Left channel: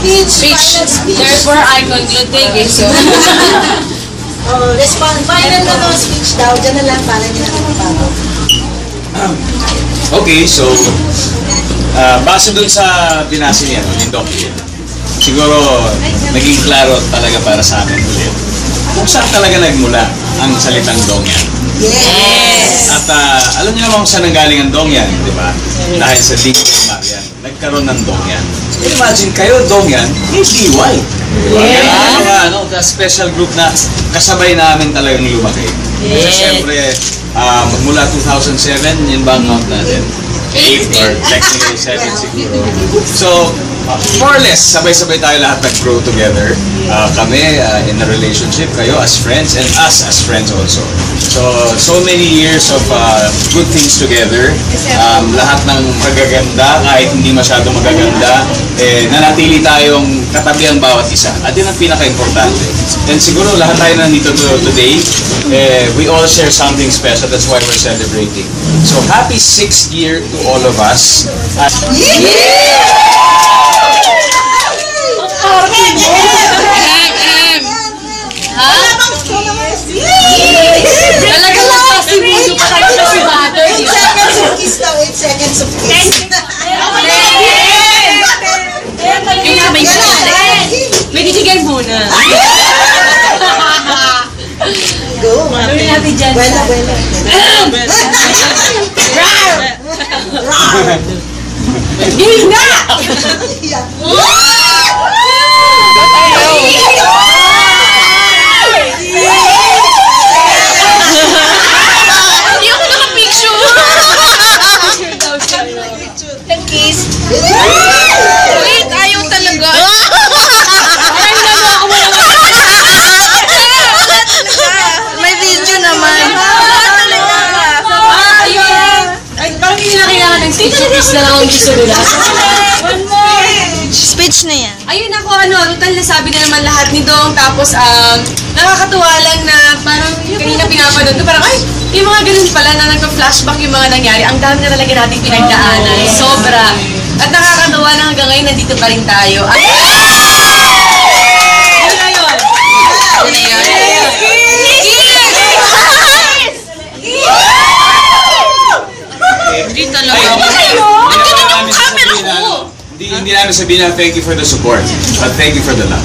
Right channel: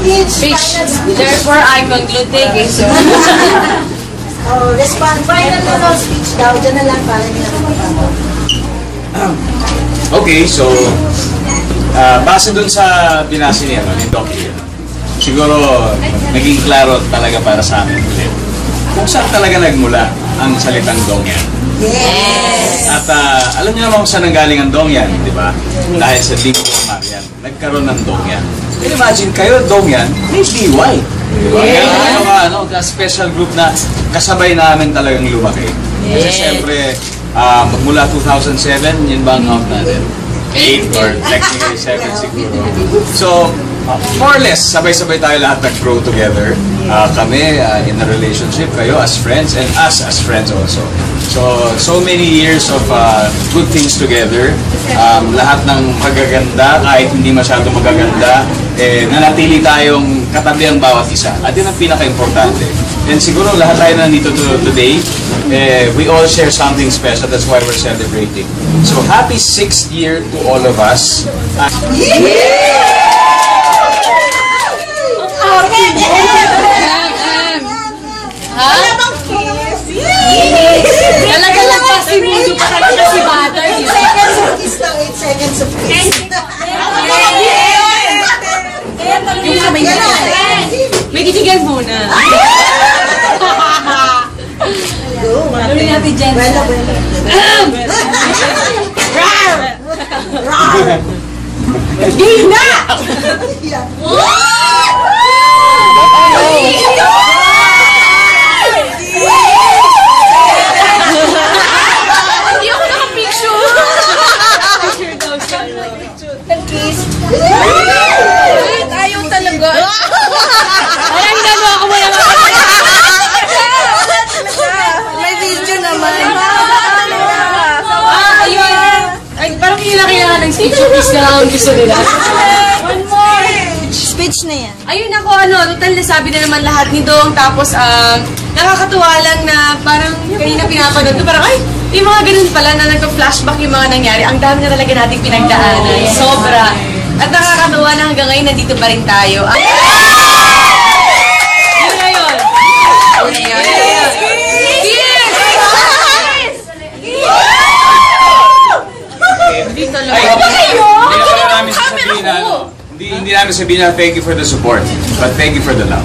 Speech. Therefore, I conclude the case. Respond. Final na mo speech daw. Diyan na lang para hindi na magpapagawa. Okay, so base dun sa binasa niya, yung Doc Hill, siguro naging klaro talaga para sa amin ulit kung saan talaga nagmula ang salitang Dongyan. Yes! At alam niyo naman kung saan nanggaling ang Dongyan, di ba? Dahil sa Linggo ng Marian, nagkaroon ng Dongyan. Imagine kayo, Dongyan, may DY. Diba? Kaya special group na kasabay namin talagang lumaki. Kasi syempre, magmula 2007, yun ba ang count natin? 8 or technically 7 siguro. So, more or less, sabay-sabay tayo lahat nag-grow together. Kami in a relationship, kayo as friends, and us as friends also. So many years of good things together. Lahat ng magaganda, kahit hindi masyadong magaganda, nanatili tayong katabi ang bawat isa. At yun ang pinaka-importante. And siguro lahat tayo nandito today, we all share something special. That's why we're celebrating. So happy 6th year to all of us. Talaga lang kasi mundo pa talaga si Butter. 8 seconds of kiss daw. 8 seconds of kiss. May titigan muna. Go, Gawin natin dyan. Buena, buena. Gina! Hindi ako nakapicture. Picture daw siya. Kiss. Wait, ayaw talaga. Ay, nagawa ko wala nga. May video naman. Ayun. Ay, parang hindi na kailangan ng picture. Kiss na lang ang gusto nila. One more. Speech na yan. Ayun ako, total nasabi na naman lahat ni Dong. Tapos, nakakatuwa lang na parang kanina pinapanood to. Parang, ay, yung mga ganun pala na nagka-flashback yung mga nangyari. Ang dami na talaga natin pinagdaanan. Sobra. At nakakatuwa na hanggang ngayon nandito pa rin tayo. Yun na yun. Yun na yun. Dito lang. Ay, hindi namin sasabihin na, hindi namin sabihin na thank you for the support, but thank you for the love.